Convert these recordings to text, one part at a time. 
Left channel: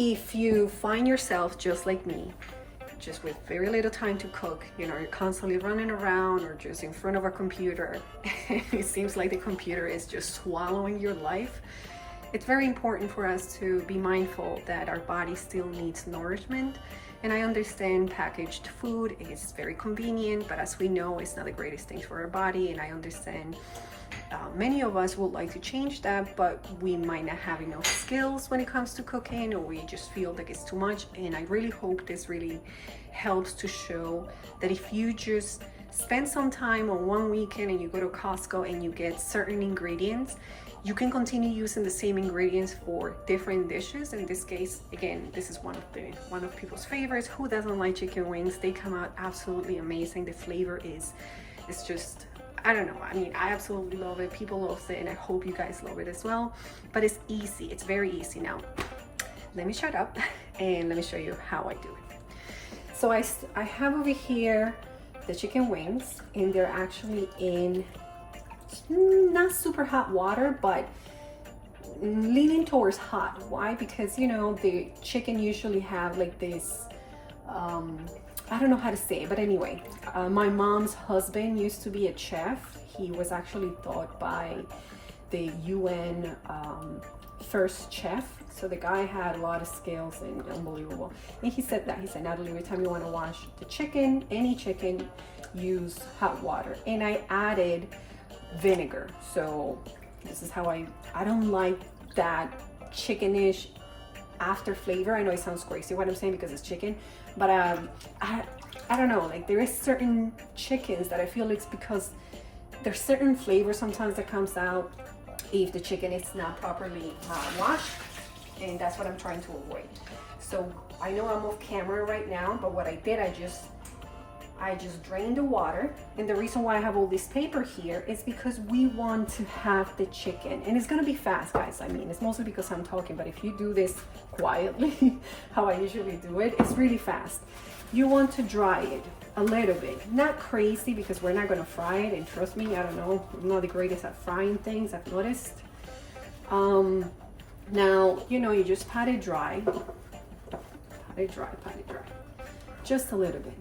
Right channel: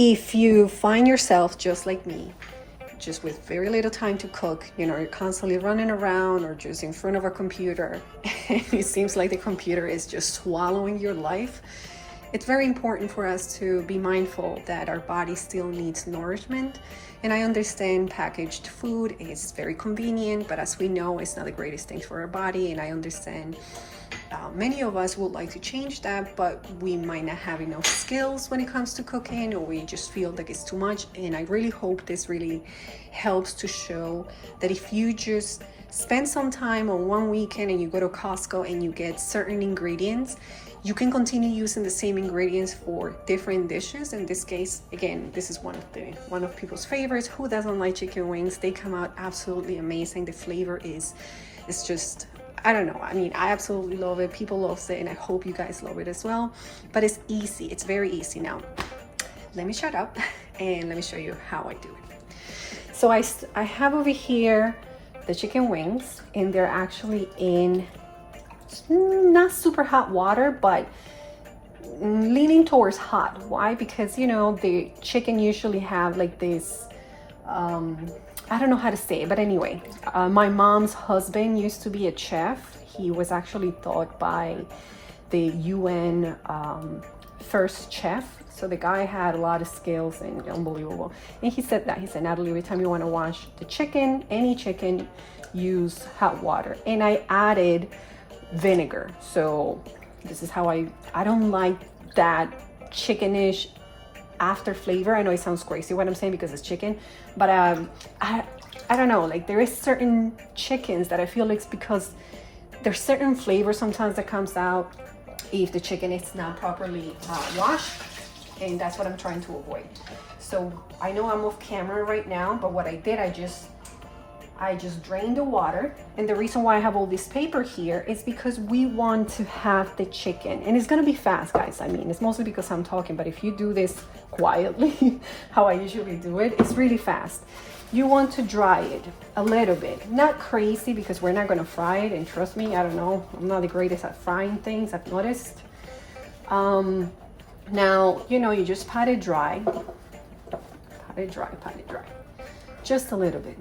If you find yourself just like me, just with very little time to cook, you know, you're constantly running around or just in front of a computer, and it seems like the computer is just swallowing your life, it's very important for us to be mindful that our body still needs nourishment. And I understand packaged food is very convenient, but as we know, it's not the greatest thing for our body. And I understand many of us would like to change that, but we might not have enough skills when it comes to cooking, or we just feel like it's too much. And I really hope this really helps to show that if you just spend some time on one weekend and you go to Costco and you get certain ingredients, you can continue using the same ingredients for different dishes. In this case, again, this is one of people's favorites. Who doesn't like chicken wings? They come out absolutely amazing. The flavor is just, I don't know. I mean, I absolutely love it. People love it, and I hope you guys love it as well. But it's easy. It's very easy. Now, let me shut up and let me show you how I do it. So I have over here the chicken wings, and they're actually in not super hot water, but leaning towards hot. Why? Because, you know, the chicken usually have like this, I don't know how to say it, but anyway, my mom's husband used to be a chef. He was actually taught by the UN first chef. So the guy had a lot of skills and unbelievable. And he said, Natalie, every time you want to wash the chicken, any chicken, use hot water. And I added vinegar. So this is how I don't like that chickenish after flavor. I know it sounds crazy what I'm saying because it's chicken, but I don't know, like there is certain chickens that I feel like it's because there's certain flavor sometimes that comes out if the chicken is not properly washed, and that's what I'm trying to avoid. So I know I'm off camera right now, but what I did, I just drained the water. And the reason why I have all this paper here is because we want to have the chicken, and it's gonna be fast, guys. I mean, it's mostly because I'm talking, but if you do this quietly, how I usually do it, it's really fast. You want to dry it a little bit, not crazy, because we're not gonna fry it. And trust me, I don't know, I'm not the greatest at frying things, I've noticed. Now, you know, you just pat it dry, just a little bit.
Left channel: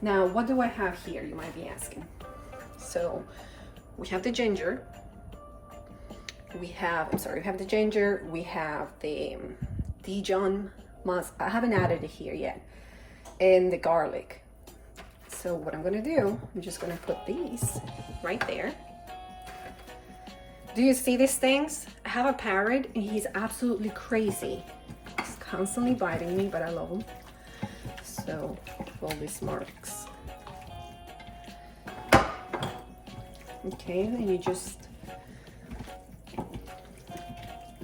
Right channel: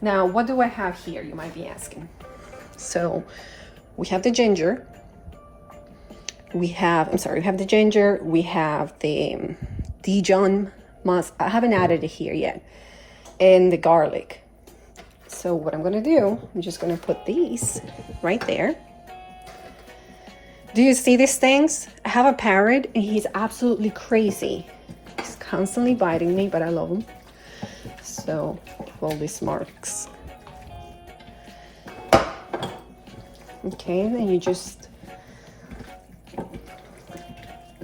Now, what do I have here, you might be asking? So we have the ginger. We have the ginger. We have the Dijon mustard. I haven't added it here yet. And the garlic. So what I'm gonna do, I'm just gonna put these right there. Do you see these things? I have a parrot and he's absolutely crazy. He's constantly biting me, but I love him. So all these marks. Okay, then you just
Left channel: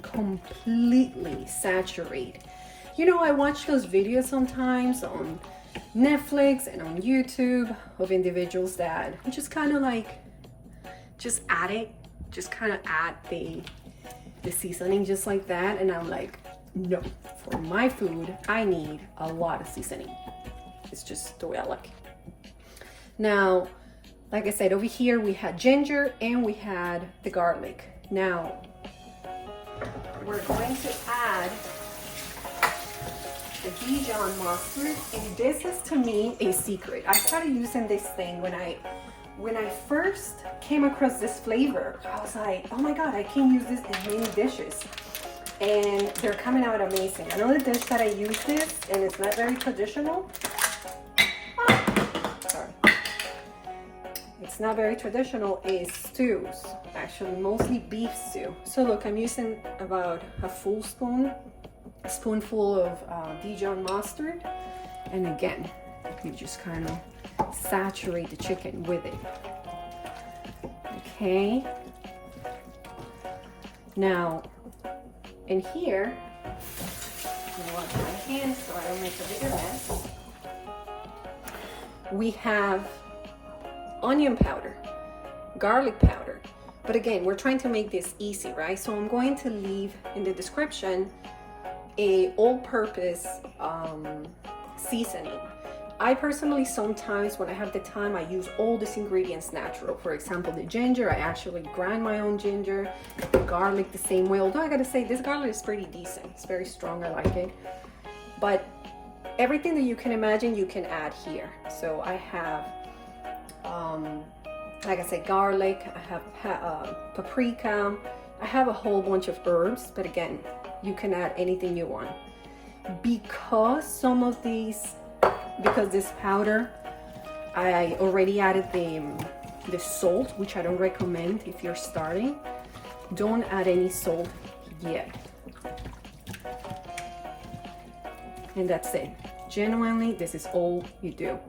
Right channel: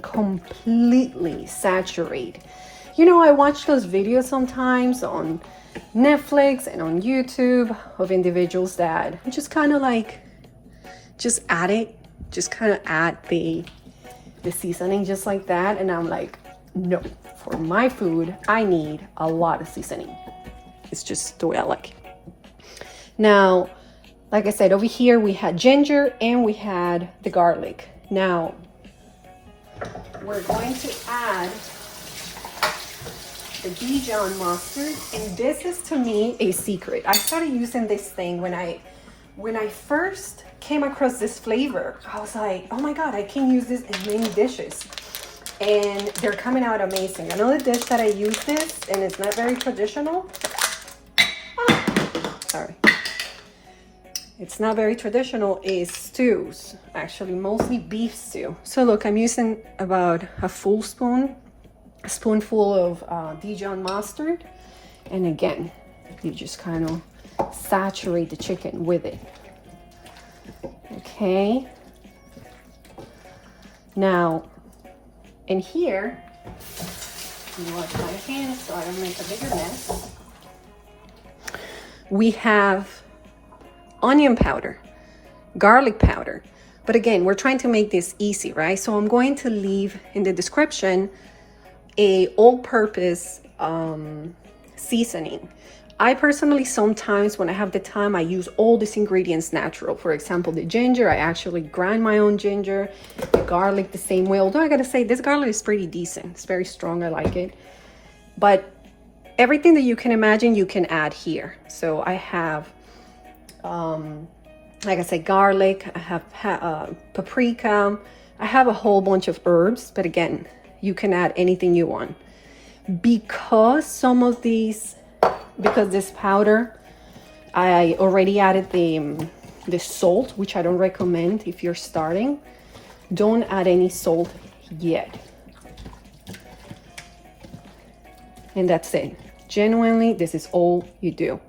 completely saturate. You know, I watch those videos sometimes on Netflix and on YouTube of individuals that just kind of like just add the seasoning just like that, and I'm like, no, for my food I need a lot of seasoning. It's just the way I like it. Now, like I said, over here we had ginger and we had the garlic. Now, we're going to add the Dijon mustard, and this is to me a secret. I started using this thing when I first came across this flavor. I was like, oh my God, I can use this in many dishes. And they're coming out amazing. Another dish that I use this, and it's not very traditional. It's not very traditional, is stews. Actually, mostly beef stew. So look, I'm using about a spoonful of Dijon mustard. And again, you just kind of saturate the chicken with it. Okay. Now, in here, I'm gonna wash my hands so I don't make a bigger mess. We have onion powder, garlic powder. But again, we're trying to make this easy, right? So I'm going to leave in the description a all-purpose seasoning. I personally, sometimes when I have the time, I use all these ingredients natural. For example, the ginger, I actually grind my own ginger. The garlic the same way, although I gotta say this garlic is pretty decent. It's very strong, I like it. But everything that you can imagine, you can add here. So I have, like I said, garlic, I have paprika, I have a whole bunch of herbs, but again, you can add anything you want. Because some of these, because this powder, I already added the salt, which I don't recommend if you're starting. Don't add any salt yet. And that's it. Genuinely, this is all you do.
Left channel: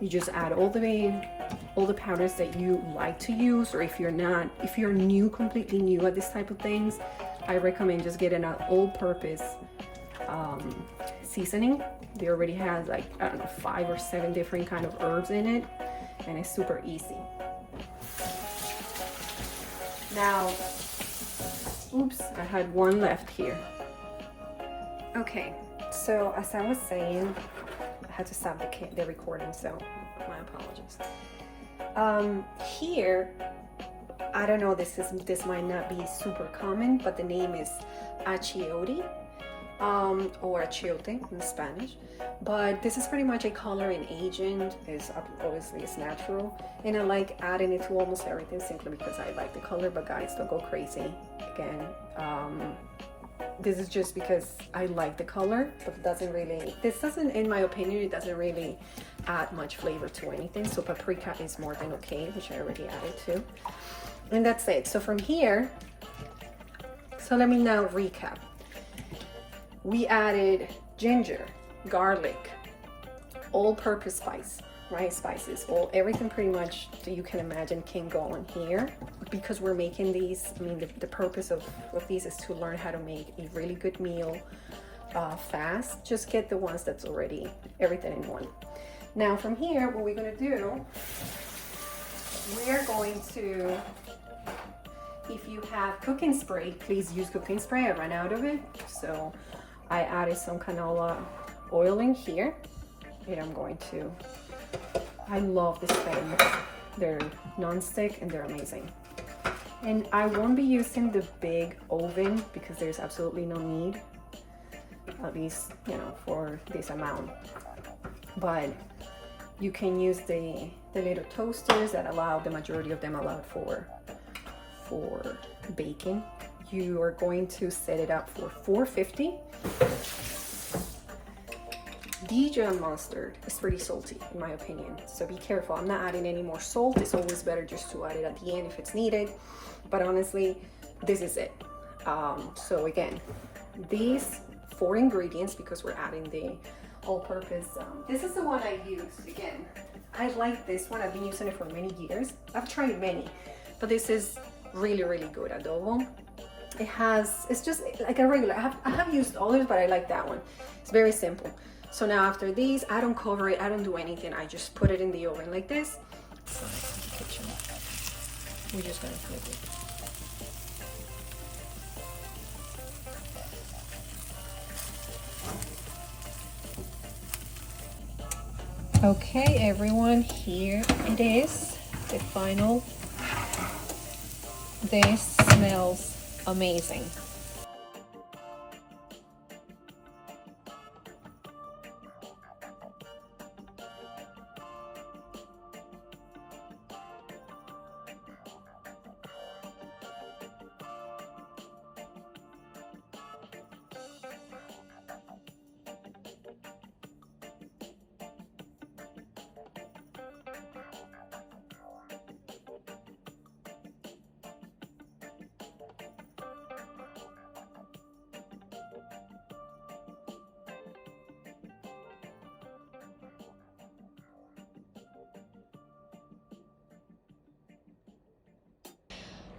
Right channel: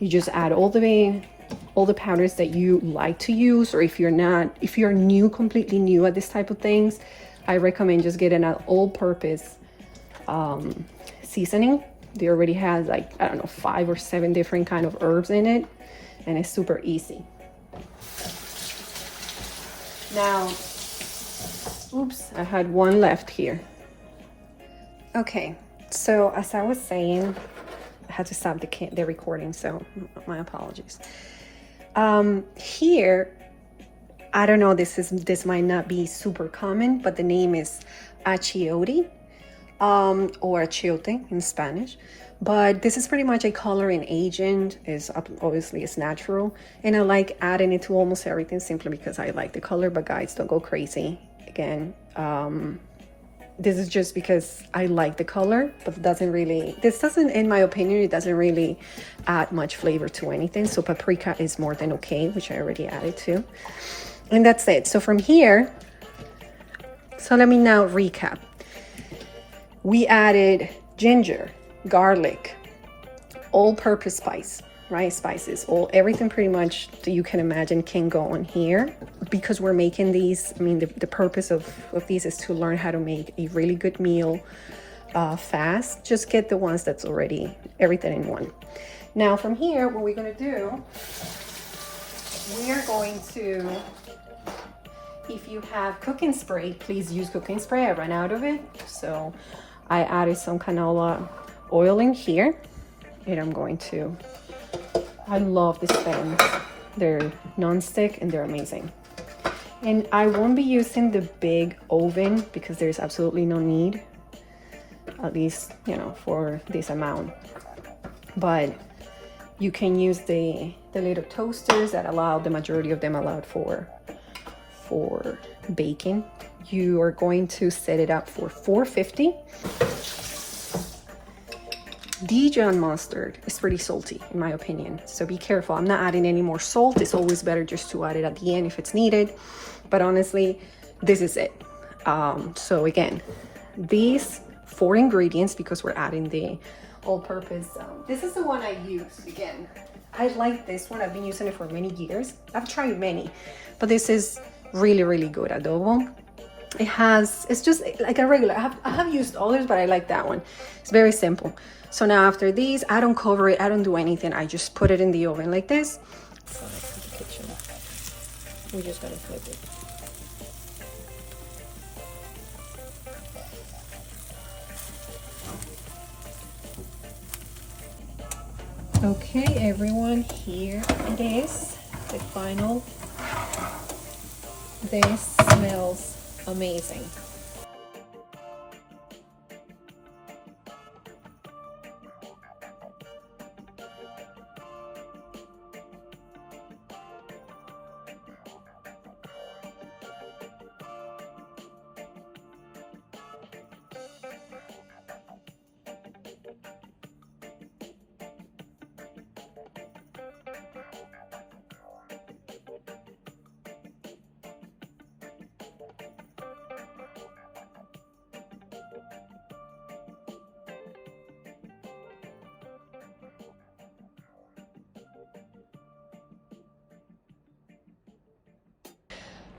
You just add all the powders that you like to use, or if you're new, completely new at this type of things, I recommend just getting an all-purpose seasoning. They already has, like, I don't know, 5 or 7 different kind of herbs in it, and it's super easy. Now, oops, I had one left here. Okay, so as I was saying, I had to stop the recording, so my apologies. Here, I don't know, this might not be super common, but the name is achiote, or achiote in Spanish. But this is pretty much a coloring agent. Obviously it's natural, and I like adding it to almost everything simply because I like the color. But guys, don't go crazy. Again, this is just because I like the color, but this doesn't, in my opinion, it doesn't really add much flavor to anything. So paprika is more than okay, which I already added to. And that's it. So from here, so let me now recap. We added ginger, garlic, all-purpose spice, right? Spices, everything pretty much that you can imagine can go on here. Because we're making these, I mean, the purpose of these is to learn how to make a really good meal fast. Just get the ones that's already everything in one. Now from here, what we're gonna do, we are going to, if you have cooking spray, please use cooking spray. I ran out of it, so I added some canola oil in here, and I'm going to, I love these pans. They're non-stick and they're amazing. And I won't be using the big oven because there's absolutely no need, at least, you know, for this amount. But you can use the little toasters that the majority of them allowed for baking. You are going to set it up for 450. Dijon mustard is pretty salty in my opinion, so be careful. I'm not adding any more salt. It's always better just to add it at the end if it's needed, but honestly, this is it. So again, these 4 ingredients, because we're adding the all-purpose, this is the one I use. Again, I like this one. I've been using it for many years. I've tried many, but this is really, really good adobo. It's just like a regular, I have used others, but I like that one. It's very simple. So now after these, I don't cover it, I don't do anything. I just put it in the oven like this. Sorry, the kitchen. We're just gonna flip it. Okay, everyone, here it is, the final. This smells amazing.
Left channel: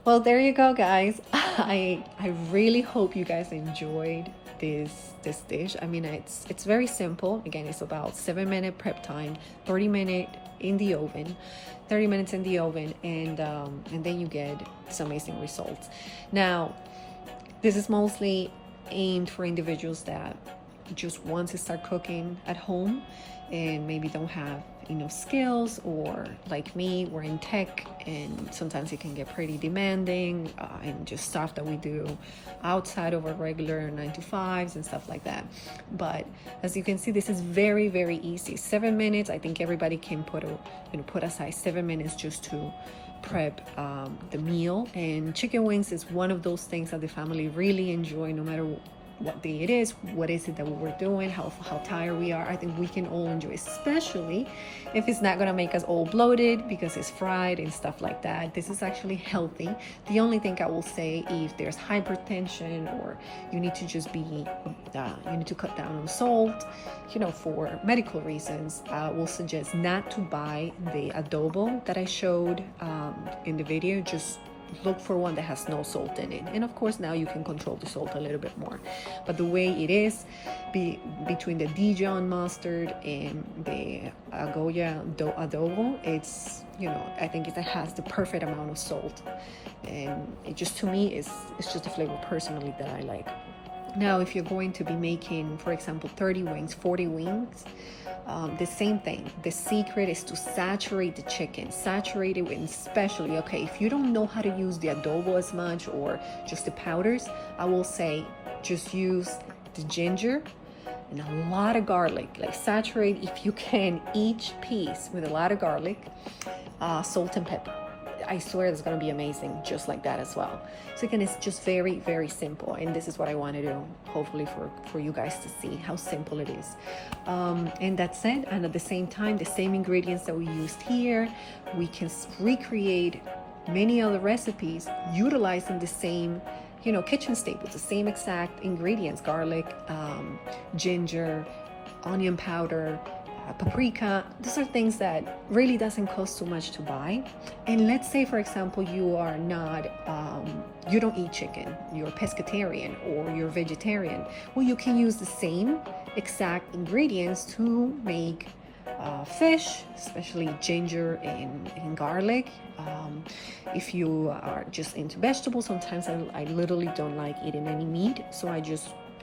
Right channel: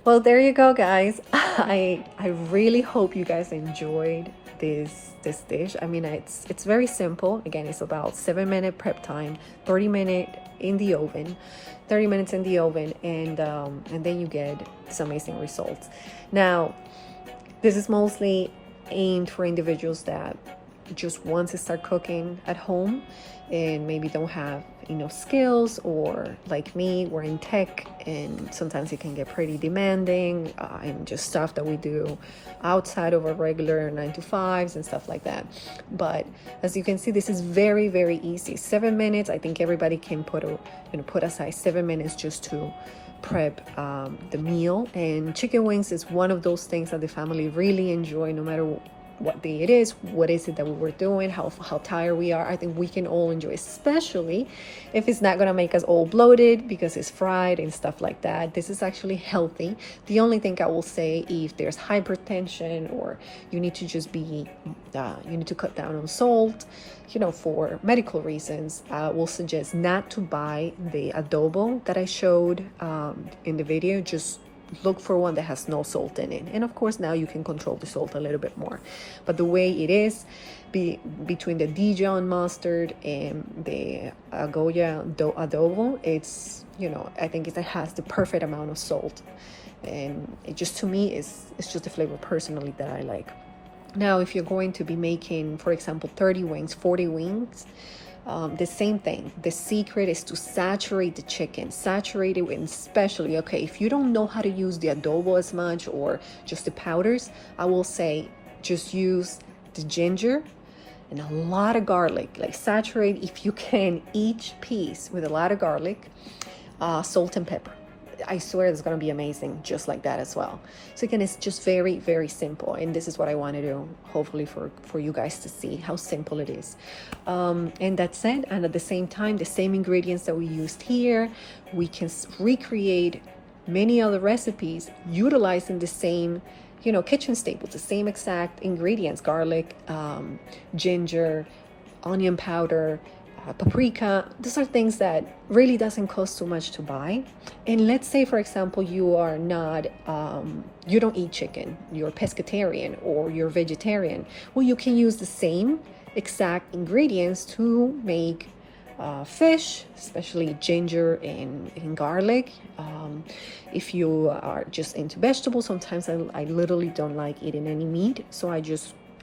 Well, there you go, guys. I really hope you guys enjoyed this dish. I mean, it's very simple. Again, it's about 7-minute prep time, 30 minutes in the oven, and then you get some amazing results. Now, this is mostly aimed for individuals that just wants to start cooking at home and maybe don't have enough skills, or like me, we're in tech and sometimes it can get pretty demanding, and just stuff that we do outside of our regular 9 to 5s and stuff like that. But as you can see, this is very, very easy. 7 minutes. I think everybody can put aside 7 minutes just to prep the meal. And chicken wings is one of those things that the family really enjoy, no matter what day it is, what is it that we were doing, how tired we are. I think we can all enjoy, especially if it's not gonna make us all bloated because it's fried and stuff like that. This is actually healthy. The only thing I will say, if there's hypertension or you need to just be, you need to cut down on salt, for medical reasons, I will suggest not to buy the adobo that I showed in the video. Just look for one that has no salt in it, and of course now you can control the salt a little bit more. But the way it is, between the Dijon mustard and the Goya adobo, it's I think it has the perfect amount of salt, and it just, to me, it's just a flavor personally that I like. Now if you're going to be making, for example, 30 wings, 40 wings, the same thing. The secret is to saturate the chicken, saturate it, and especially, if you don't know how to use the adobo as much or just the powders, I will say just use the ginger and a lot of garlic. Like, saturate, if you can, each piece with a lot of garlic, salt and pepper. I swear it's gonna be amazing just like that as well. So again, it's just very, very simple, and this is what I wanted to, hopefully, for you guys to see how simple it is. And that's it. And at the same time, the same ingredients that we used here, we can recreate many other recipes utilizing the same kitchen staples, the same exact ingredients: garlic, ginger, onion powder, paprika. These are things that really doesn't cost too much to buy. And let's say, for example, you are not you don't eat chicken, you're a pescatarian or you're vegetarian. Well, you can use the same exact ingredients to make fish, especially ginger and garlic. If you are just into vegetables, sometimes I literally don't like eating any meat, so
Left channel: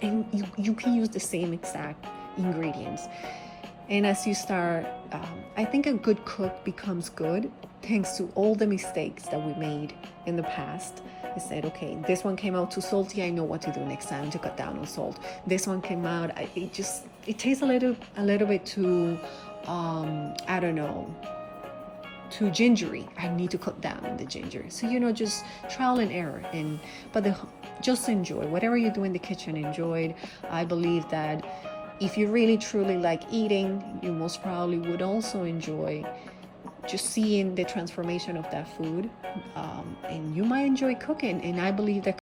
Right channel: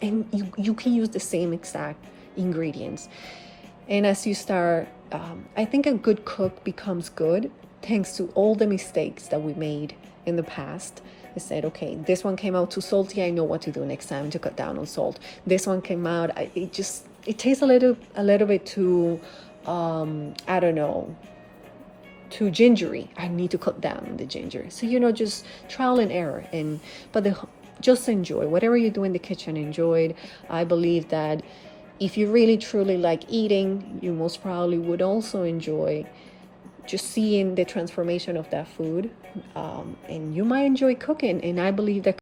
you can use the same exact ingredients. And as you start, I think a good cook becomes good thanks to all the mistakes that we made in the past. I said, okay, this one came out too salty, I know what to do next time to cut down on salt. This one came out, it tastes a little bit too, I don't know, too gingery. I need to cut down on the ginger. So, just trial and error. But just enjoy. Whatever you do in the kitchen, enjoy it. I believe that if you really truly like eating, you most probably would also enjoy just seeing the transformation of that food, and you might enjoy cooking. And I believe that